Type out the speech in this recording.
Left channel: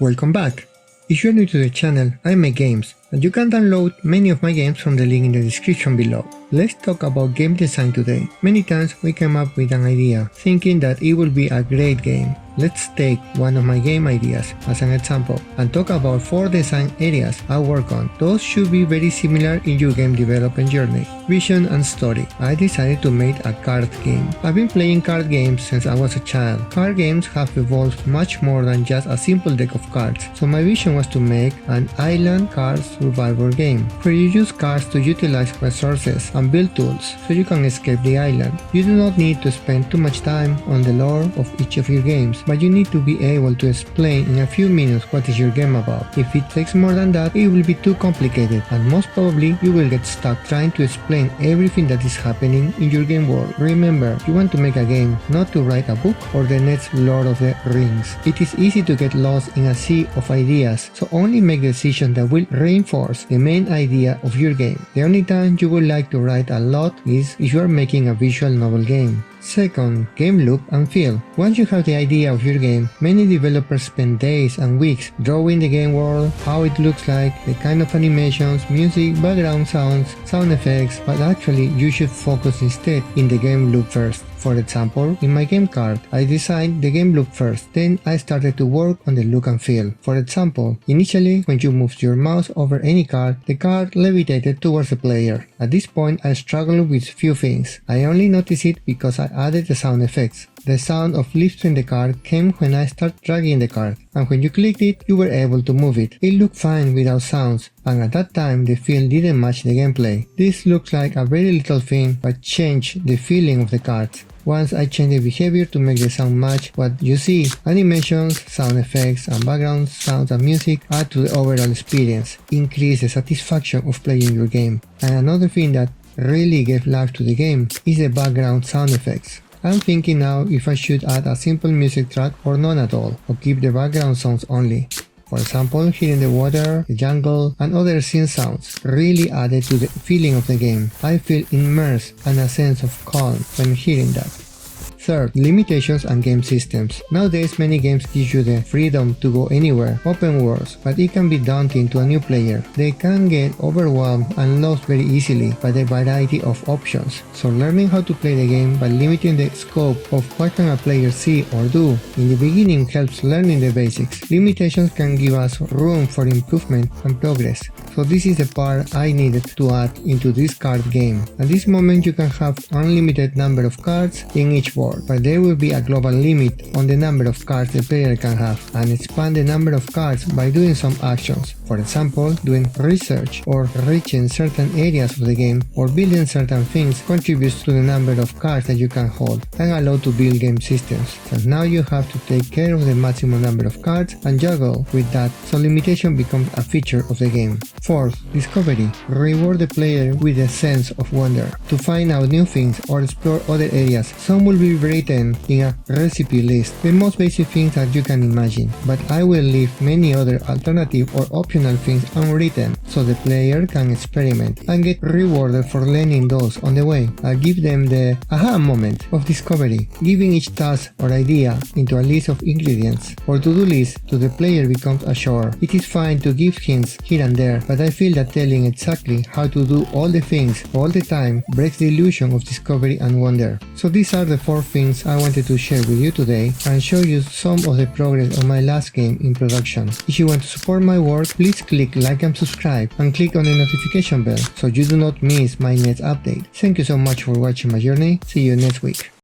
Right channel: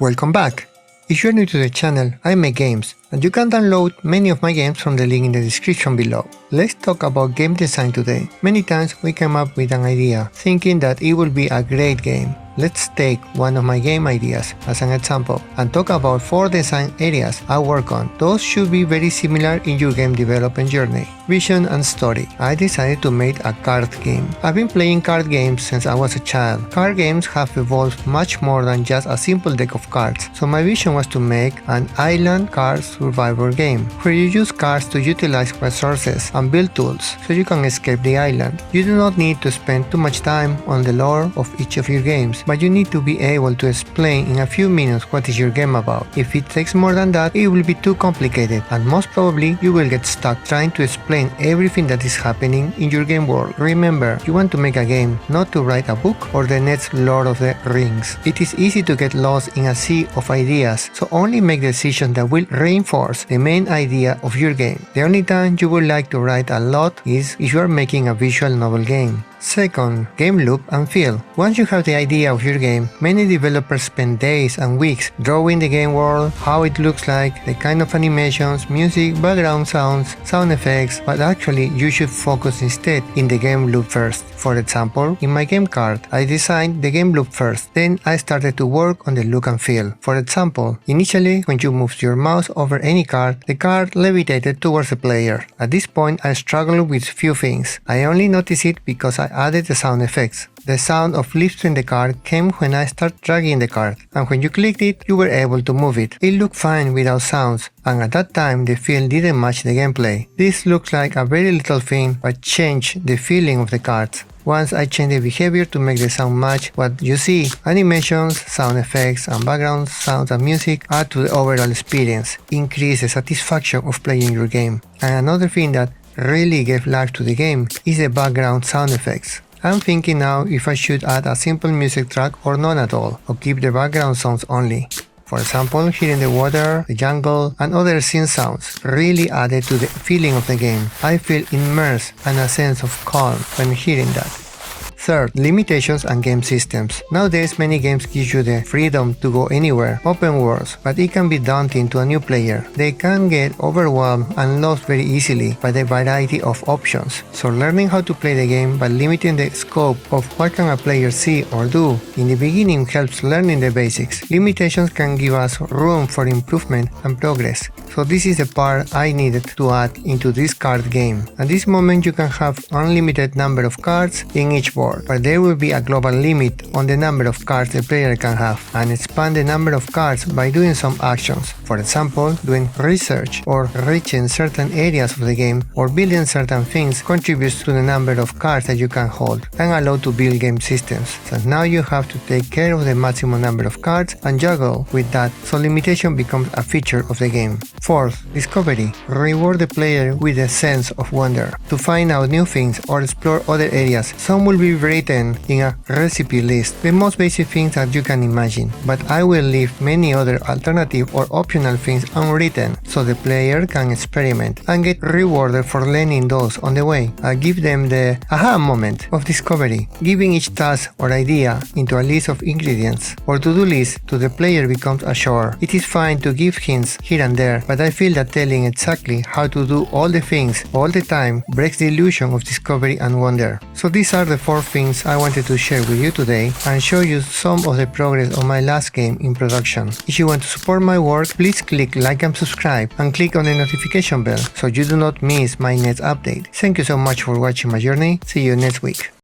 Welcome back! If you're new to the channel, I make games, and you can download many of my games from the link in the description below. Let's talk about game design today. Many times we come up with an idea, thinking that it will be a great game. Let's take one of my game ideas as an example and talk about 4 design areas I work on. Those should be very similar in your game development journey. Vision and story. I decided to make a card game. I've been playing card games since I was a child. Card games have evolved much more than just a simple deck of cards, so my vision was to make an island card survivor game where you use cards to utilize resources and build tools so you can escape the island. You do not need to spend too much time on the lore of each of your games, but you need to be able to explain in a few minutes what is your game about. If it takes more than that, it will be too complicated, and most probably you will get stuck trying to explain everything that is happening in your game world. Remember, you want to make a game, not to write a book or the next Lord of the Rings. It is easy to get lost in a sea of ideas, so only make decisions that will reinforce the main idea of your game. The only time you would like to write a lot is if you are making a visual novel game. Second, game look and feel. Once you have the idea of your game, many developers spend days and weeks drawing the game world, how it looks like, the kind of animations, music, background sounds, sound effects, but actually you should focus instead in the game loop first. For example, in my game card, I designed the game loop first, then I started to work on the look and feel. For example, initially when you moved your mouse over any card, the card levitated towards the player. At this point I struggled with few things. I only noticed it because I added the sound effects. The sound of lifting the card came when I started dragging the card, and when you clicked it, you were able to move it. It looked fine without sounds, and at that time the feel didn't match the gameplay. This looks like a very little thing, but changed the feeling of the cards. Once I changed the behavior to make the sound match what you see, animations, sound effects, and background sounds and music add to the overall experience, increase the satisfaction of playing your game. And another thing that really gave life to the game is the background sound effects. I'm thinking now if I should add a simple music track or none at all, or keep the background sounds only. For example, hearing the water, the jungle, and other scene sounds really added to the feeling of the game. I feel immersed and a sense of calm when hearing that. Third, limitations and game systems. Nowadays many games give you the freedom to go anywhere, open worlds, but it can be daunting to a new player. They can get overwhelmed and lost very easily by the variety of options. So learning how to play the game by limiting the scope of what can a player see or do in the beginning helps learning the basics. Limitations can give us room for improvement and progress. So this is the part I needed to add into this card game. At this moment you can have unlimited number of cards in each board, but there will be a global limit on the number of cards the player can have, and expand the number of cards by doing some actions. For example, doing research or reaching certain areas of the game or building certain things contributes to the number of cards that you can hold and allow to build game systems. So now you have to take care of the maximum number of cards and juggle with that, so limitation becomes a feature of the game. Fourth, discovery. Reward the player with a sense of wonder to find out new things or explore other areas. Some will be written in a recipe list, the most basic things that you can imagine, but I will leave many other alternative or optional things unwritten so the player can experiment and get rewarded for learning those on the way. I give them the aha moment of discovery. Giving each task or idea into a list of ingredients or to-do list to the player becomes a chore. It is fine to give hints here and there, but I feel that telling exactly how to do all the things all the time breaks the illusion of discovery and wonder. So these are the 4 things I wanted to share with you today and show you some of the progress on my last game in production. If you want to support my work, please click like and subscribe and click on the notification bell so you do not miss my next update. Thank you so much for watching my journey. See you next week.